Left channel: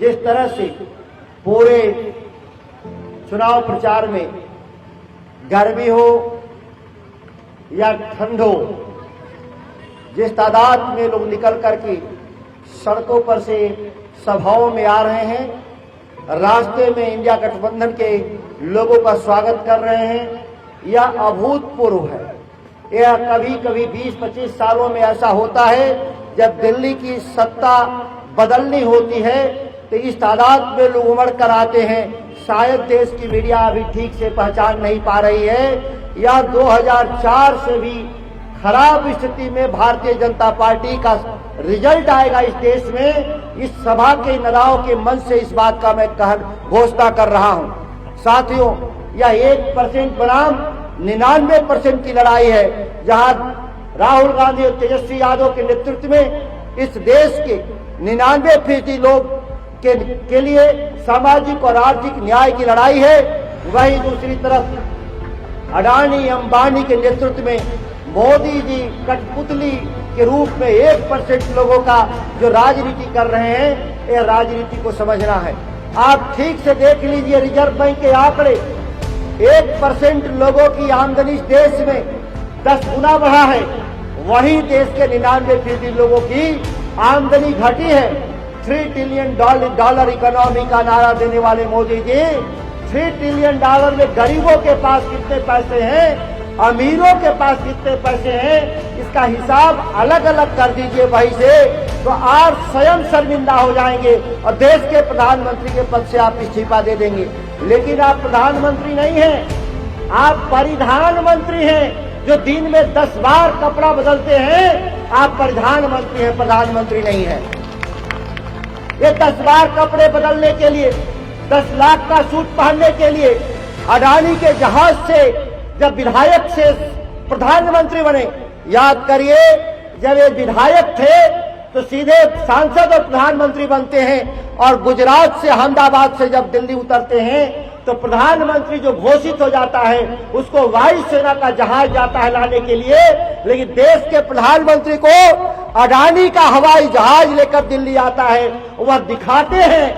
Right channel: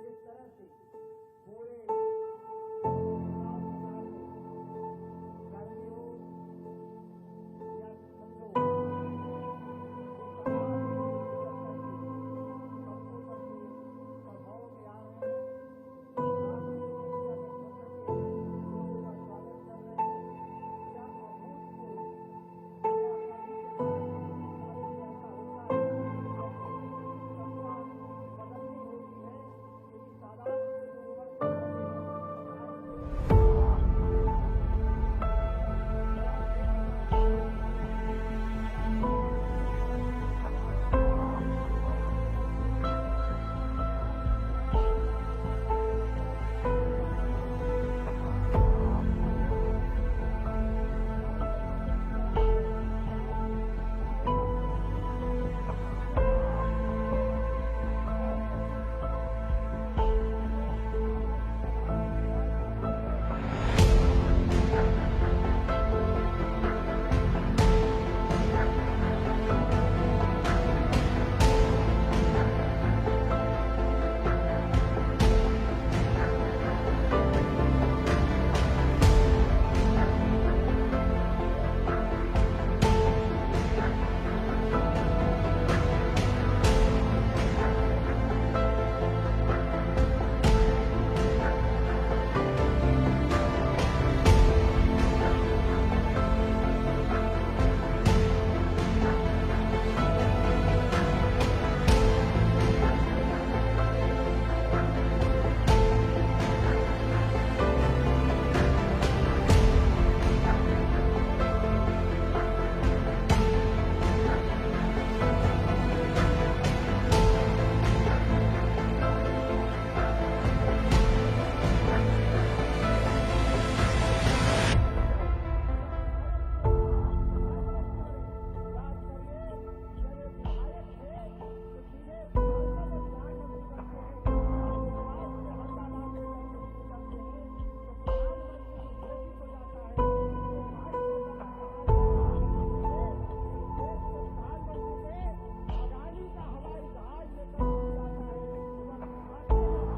जिस तरह से पूरे चुनाव प्रचार में गर्मी हो या ठंड हो, जिस तादाद में लोग निकल करके सड़कों पर से सभाओं में आ रहे हैं, रास्ते में इंडिया गठबंधन के लोगों का स्वागत कर रहे हैं, यह अभूतपूर्व है। यह कभी कभी 20-25 सालों में ऐसा होता है जब दिल्ली की सत्ता बदलनी होती है तो इस तादाद में लोग उमड़ कर आते हैं। शायद देश की मीडिया अभी ठीक से पहचान नहीं पा रही है, या 2004 से भी खराब स्थिति में भारतीय जनता पार्टी का रिजल्ट आएगा इस देश में। इस सभा के नदाओं के मन से इस बात का मैं घोषणा कर रहा हूं। साथियों, यह 1% बनाम 99% की लड़ाई है, जहां राहुल गांधी और तेजस्वी यादव के नेतृत्व में इस देश के 99% लोग के लिए सामाजिक और आर्थिक न्याय की लड़ाई है। वहीं दूसरी तरफ अडानी अंबानी के नेतृत्व में मोदी जी कठपुतली के रूप में 1% लोगों का जो राजनीति कर रहे हैं, ये राजनीति को समझना है। आप ठीक से देख लीजिए रिजर्व बैंक के आंकड़े, 1% लोगों की आमदनी इस देश में 10 गुना बढ़ा है, वहीं देश के 99% लोगों की आमदनी घटी है। $3 ट्रिलियन इकोनॉमी का नारा देने वाले मोदी जी, $3 ट्रिलियन में गरीबों के पास कितने पैसे हैं, अमीरों के पास कितने पैसे हैं, इसका हिसाब अलग अलग कर दीजिए वहीं से, तो आप स्वयं शर्मिंदा हो जाएंगे और देश के प्रधानमंत्री के पद से आप इस्तीफा दे देंगे। लेकिन आप प्रधानमंत्री नहीं हैं, आप परिधान मंत्री हैं, जो दिन में 10 बार कपड़ा बदलते हैं। आप प्रधानमंत्री हैं, प्रधानमंत्री नहीं है। ये 10 बार कपड़े बदलने के लिए, 10 लाख का सूट पहनने के लिए अडानी के जहाज से जब विधायक से प्रधानमंत्री बने, याद करिए जब ये विधायक थे तो सीधे सांसद और प्रधानमंत्री बनते हैं, और गुजरात से अहमदाबाद से जब दिल्ली उतरते हैं तो प्रधानमंत्री जो घोषित हो जाता है उसको वायुसेना का जहाज जाता है लाने के लिए। लेकिन देश के प्रधानमंत्री को अडानी का हवाई जहाज लेकर दिल्ली आता है। वह दिखाते हैं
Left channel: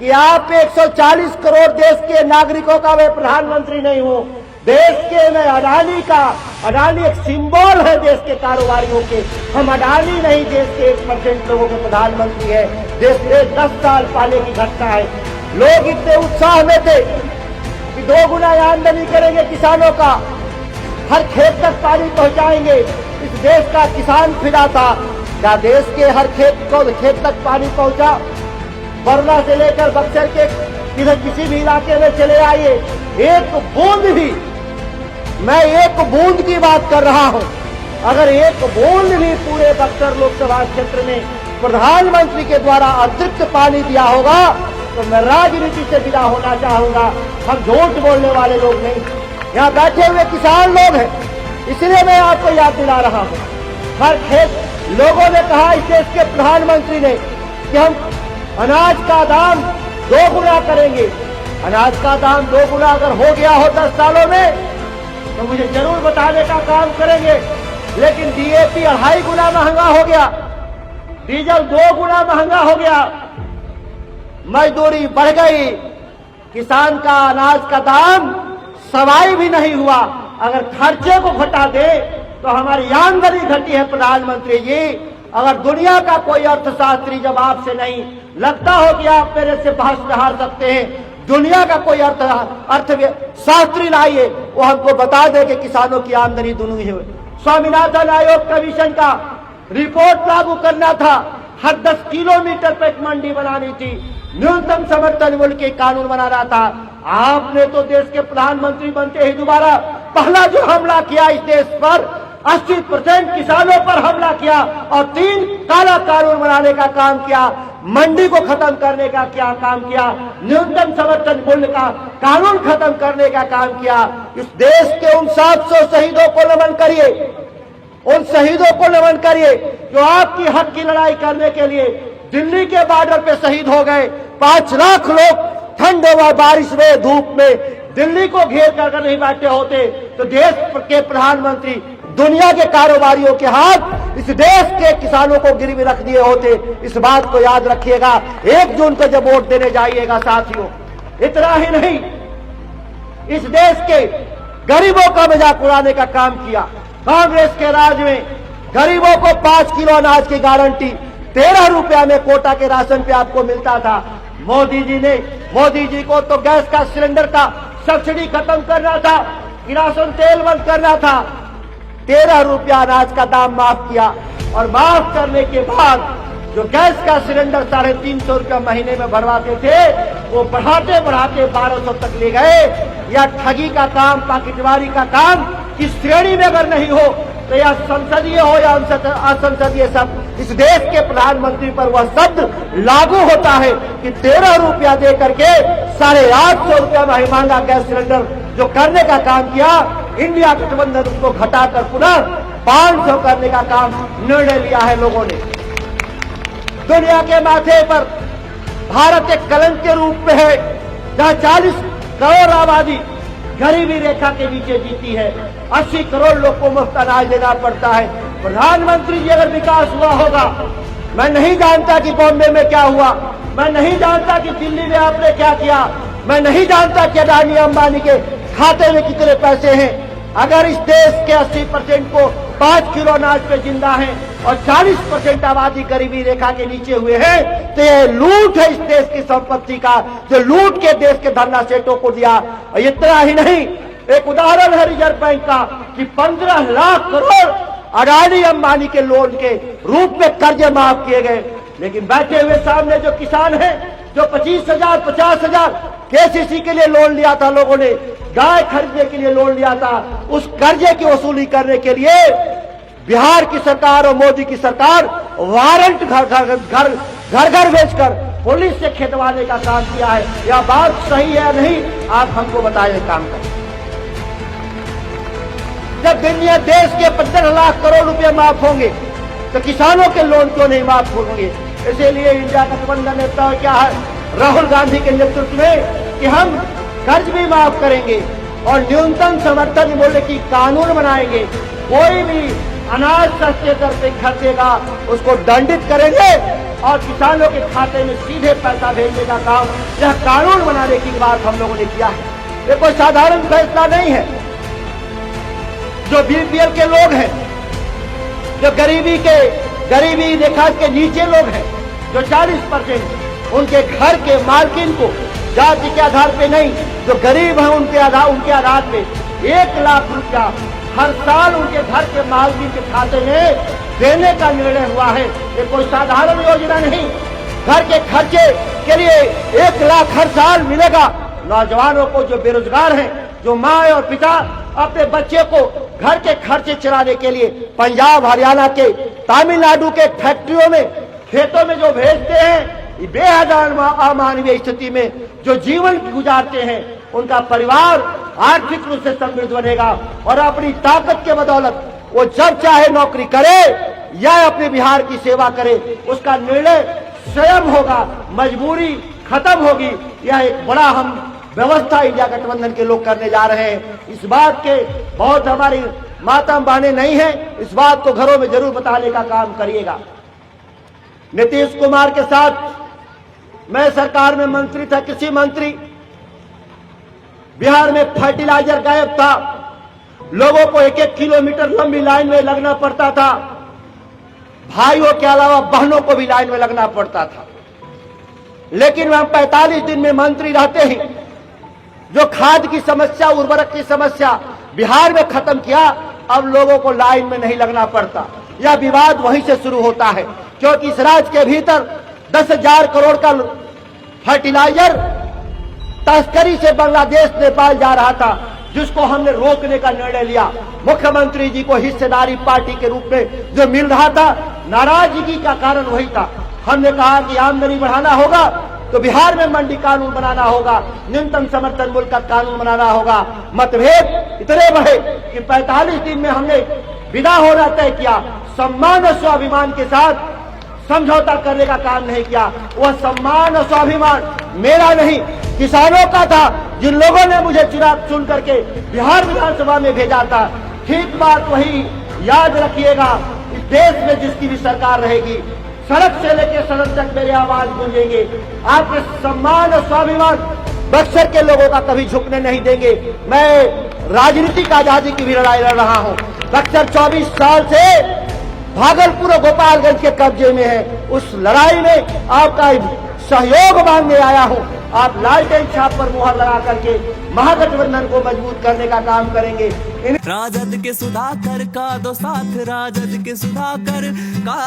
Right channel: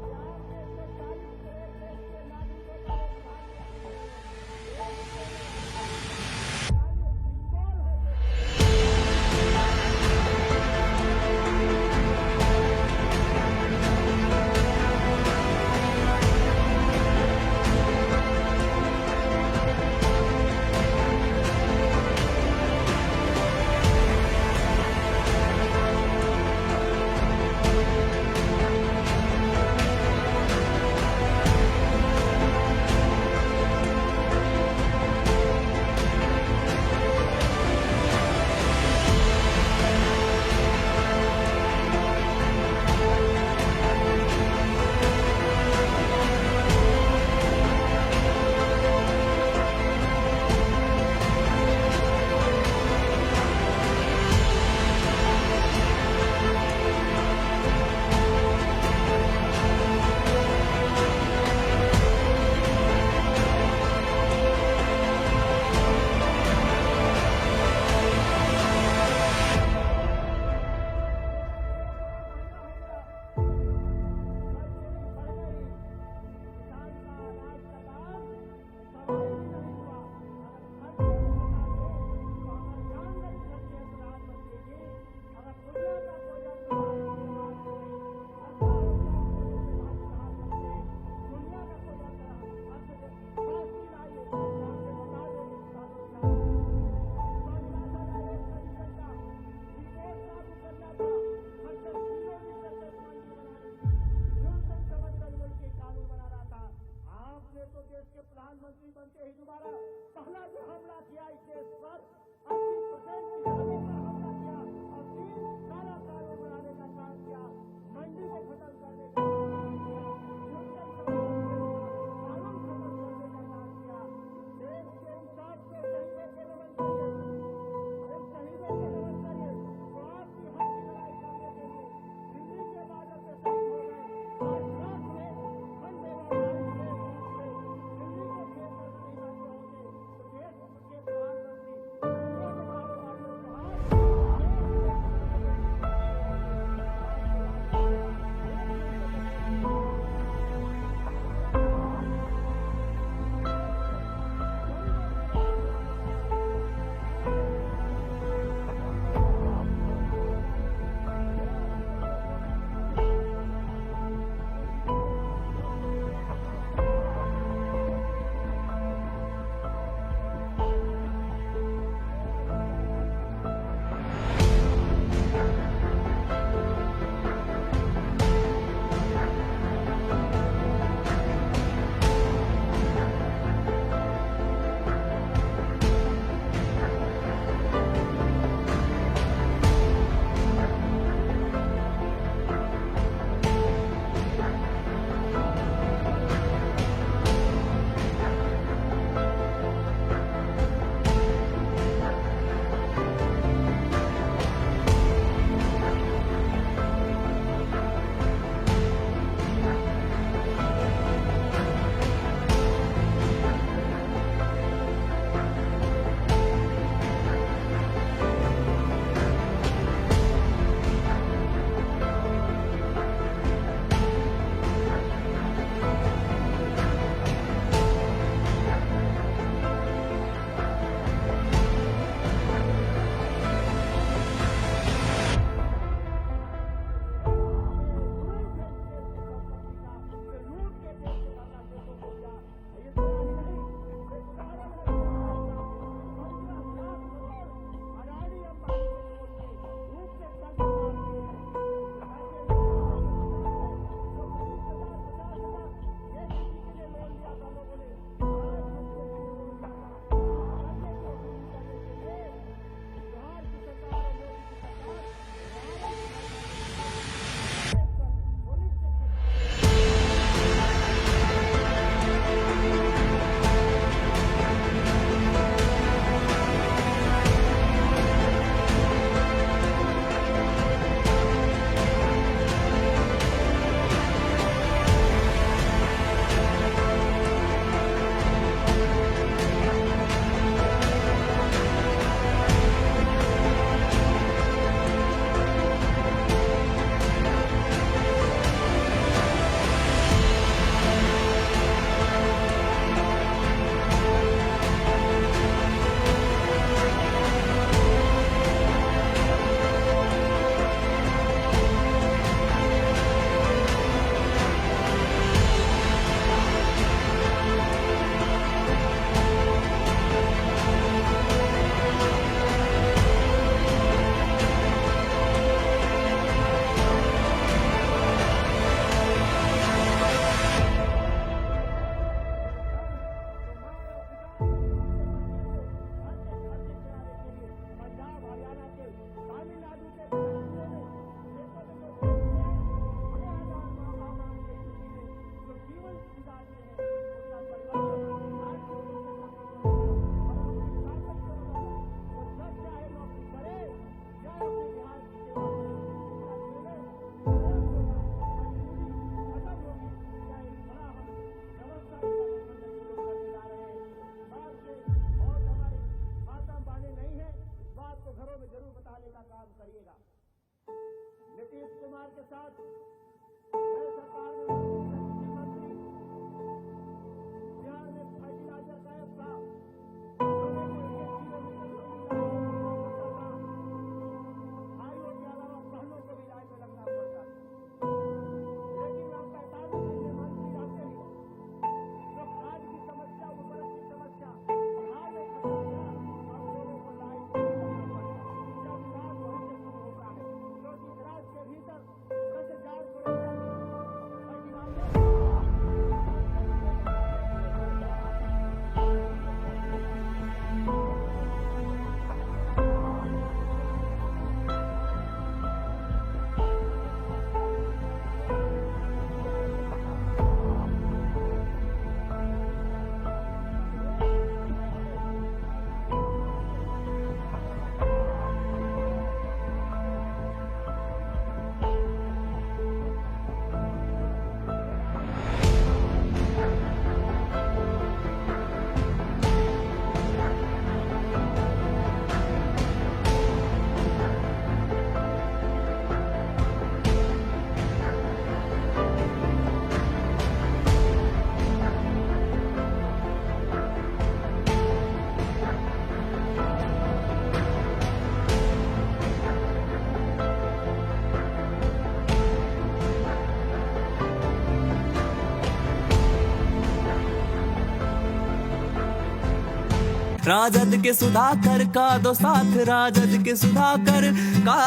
कि आप 140 करोड़ देश के नागरिकों का मैं प्रधानमंत्री नहीं हूँ, देश के मैं अडानी एक सिंबल है देश के कारोबारियों के। हम अडानी नहीं, देश के 1% लोगों के प्रधानमंत्री है। देश में 10 साल पहले की घटना है, लोग इतने उत्साह में थे कि 2 गुना आमदनी करेंगे किसानों का, हर खेत तक पानी पहुंचाएंगे। इस देश का किसान फिदा था। क्या देश के हर खेत तक पानी पहुंचा? वरना से लेकर बक्सर के किसी भी इलाके में चले आइए, एक बूंद भी, मैं एक बूंद की बात कर रहा हूं, अगर एक बूंद भी पूरे बक्सर लोकसभा क्षेत्र में प्रधानमंत्री के द्वारा अतिरिक्त पानी दिया होगा तो मैं राजनीति से विदा होना चाहूंगा। हम झूठ बोलने वाले लोग नहीं, यहाँ बैठे हुए किसान लोग हैं, इसलिए मैं आपको याद दिला रहा हूँ। हर खेत लोगों ने कहा इस देश के प्रधानमंत्री ने कि हम अनाज का दाम 2 गुना करेंगे। अनाज का दाम 2 गुना अगर हो गया हो 10 सालों में तो मुझे जरूर बताने का काम करेंगे। लेकिन DAP 2.5 गुना महंगा हो गया, डीजल 2 गुना महंगा हो गया, मजदूरी बढ़ गई, किसान का अनाज का दाम सवाई भी नहीं हुआ। अगर खर्चे को घटा दे तो हमारी आमदनी घटी है। प्रधानमंत्री जी, अगर दुनिया का कोई अर्थशास्त्री जब आपसे नहीं लगता हो कि आप मेरे से बहस में हार सकते हैं, दुनिया का कोई अर्थशास्त्री लाइए, वो हमको बता दे कि किसानों की आमदनी दुगनी है। स्वामीनाथन आयोग कमीशन का रिपोर्ट लागू करना था, हर 10 किलोमीटर पर एक मंडी बनानी थी, न्यूनतम समर्थन मूल्य के कानून बनाना था। आपने तो देश के प्रधानमंत्री बनते ही दोबारा पहला जो हमला किया इस देश पर, 80% किसानों पर हमला किया और 3 काला कानून बनाने का काम किया। मंडी को खत्म करने का क्या काम किया, न्यूनतम समर्थन मूल्य का कानून खत्म करने का काम किया। इस देश के उन 700 शहीदों को नमन करिए, उन शहीदों को नमन करिए जो आपकी हक की लड़ाई करने के लिए दिल्ली के बॉर्डर पे शहीद हो गए। 5 लाख लोग ठंड व बारिश में धूप में दिल्ली को घेर कर नहीं बैठे होते तो देश के प्रधानमंत्री दुनिया के कारोबारियों के हाथ इस इस देश के किसानों को गिरवी रख दिए होते। इस बात को याद रखिएगा 1 जून को जब वोट देने जाइएगा साथियों। इतना ही नहीं, इस देश के गरीबों का मजाक उड़ाने का काम किया। कांग्रेस के राज में गरीबों को 5 किलो अनाज की गारंटी 13 रुपया में कोटा के राशन पे आपको मिलता था। मोदी जी को तो गैस का सिलेंडर का सब्सिडी खत्म करना था, किरासन तेल बंद करना था। 13 रुपया अनाज का दाम माफ किया और माफ करने के बाद जो गैस का सिलेंडर 350 रुपया महीने में भरवाते थे वो बढ़ाते बढ़ाते 1200 तक ले गए। या ठगी का काम, पाकिटवारी का काम इस श्रेणी में अगर नहीं हो तो यह संसदीय हो या असंसदीय सब, इस देश के प्रधानमंत्री पर वह शब्द लागू होता है कि 13 रुपया दे करके 850 रुपया महंगा गैस सिलेंडर जो करने का काम किया, इंडिया गठबंधन उसको घटाकर पुनः 500 करने का काम निर्णय लिया है लोगों ने। दुनिया के माथे पर भारत एक कलंक के रूप में है, जहां 40 करोड़ आबादी गरीबी रेखा के नीचे जीती है। 80 करोड़ लोग को मुफ्त अनाज देना पड़ता है। प्रधानमंत्री जी अगर विकास हुआ होगा, मैं नहीं जानता कि बॉम्बे में क्या हुआ, मैं नहीं जानता कि दिल्ली में आपने क्या किया, मैं नहीं जानता कि अडानी अंबानी के खाते में कितने पैसे हैं। अगर इस देश के 80% को 5 किलो अनाज पे जिंदा है और 40% आबादी गरीबी रेखा के नीचे हुए हैं, तो ये लूट है इस देश की संपत्ति का, जो लूट के देश के धरना सेठों को दिया। और इतना ही नहीं, एक उदाहरण है रिजर्व बैंक का कि 15 लाख करोड़ अडानी अंबानी के लोन के रूप में कर्जे माफ किए गए। लेकिन बैठे हुए सामने जो किसान हैं, जो 25,000 50,000 केसीसी के लिए लोन लिया था, लोगों ने गाय खरीदने के लिए लोन लिया था, उस कर्जे की वसूली करने के लिए बिहार की सरकार और मोदी की सरकार वारंट घर घर भेजकर पुलिस से खेतवाने का काम किया है। यह बात सही है या नहीं, आप हमको बताइए काम करें। जब दुनिया देश के 15 लाख करोड़ रुपए माफ होंगे तो किसानों के लोन क्यों नहीं माफ होंगे? इसीलिए इंडिया गठबंधन नेता क्या है, राहुल गांधी के नेतृत्व में कि हम कर्ज भी माफ करेंगे और न्यूनतम समर्थन मूल्य की कानून बनाएंगे। कोई भी अनाज सस्ते दर से खरीदेगा उसको दंडित करेंगे और किसानों के खाते में सीधे पैसा भेजने का काम, यह कानून बनाने की बात हम लोगों ने किया है। ये कोई साधारण फैसला नहीं है। जो बीपीएल के लोग हैं, जो गरीबी रेखा के नीचे लोग हैं, जो 40% उनके घर के मालकिन को जाति के आधार पे नहीं, जो गरीब हैं उनके आधार पे 1 लाख रुपया हर साल उनके घर के मालकिन के खाते में देने का निर्णय हुआ है। ये कोई साधारण योजना नहीं। घर के खर्चे के लिए 1 लाख हर साल मिलेगा। नौजवानों को जो बेरोजगार हैं, जो माँ और पिता अपने बच्चे को घर के खर्चे चलाने के लिए पंजाब, हरियाणा के, तमिलनाडु के फैक्ट्रियों में, खेतों में जो भेजते हैं, बेहद अमानवीय स्थिति में जो जीवन गुजारते हैं, उनका परिवार आर्थिक रूप से समृद्ध बनेगा और अपनी ताकत के बदौलत वो जब चाहे नौकरी करे या अपने बिहार की सेवा करे, उसका निर्णय स्वयं होगा, मजबूरी खत्म होगी। यह एक बड़ा हम व्यवस्था इंडिया गठबंधन के लोग करने जा रहे हैं। इस बात के बहुत हमारी मातम बहने नहीं है, इस बात को घरों में जरूर बताने का काम करिएगा। नीतीश कुमार के साथ मैं सरकार में मंत्री था, कृषि मंत्री। बिहार में फर्टिलाइजर गायब था, लोगों को 1-1 किलोमीटर लंबी लाइन में लगना पड़ता था, भाइयों के अलावा बहनों को भी लाइन में लगना पड़ता था। लेकिन हम 45 दिन में मंत्री रहते ही जो खाद की समस्या, उर्वरक की समस्या बिहार में खत्म किया। अब लोगों को लाइन में नहीं लगना पड़ता। यह विवाद वहीं से शुरू होता है, क्योंकि इस राज्य के भीतर 10,000 करोड़ का फर्टिलाइजर तस्करी से बांग्लादेश, नेपाल जा रहा था, जिसको हमने रोकने का निर्णय लिया। मुख्यमंत्री जी को हिस्सेदारी पार्टी के रूप में जो मिल रहा था, नाराजगी का कारण वही था। हमने कहा कि आमदनी बढ़ाना होगा तो बिहार में मंडी कानून बनाना होगा, न्यूनतम समर्थन मूल्य का कानून बनाना होगा। मतभेद इतने बढ़े कि 45 दिन में हमने विदा होना तय किया। सम्मान और स्वाभिमान के साथ समझौता करने का काम नहीं किया। वह सम्मान और स्वाभिमान मेरा नहीं, किसानों का था, जिन लोगों ने मुझे चुन करके बिहार विधानसभा में भेजा था। ठीक बात वही याद रखिएगा। इस देश में जिसकी भी सरकार रहेगी, सड़क से लेकर सड़क तक मेरी आवाज गूंजेंगे। आपके सम्मान और स्वाभिमान बक्सर के लोगों का कभी झुकने नहीं देंगे। मैं राजनीतिक आजादी की भी लड़ाई लड़ रहा हूं। बक्सर 24 साल से भागलपुर और गोपालगंज के कब्जे में है। उस लड़ाई में आपका सहयोग मांगने आया हूं। आप लालटेन छाप पर मुहर लगा करके महागठबंधन को मजबूत करने का काम करेंगे। राजद के सुधाकर का दो साथ, राजद के सुधाकर का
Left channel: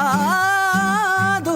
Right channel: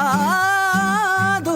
दो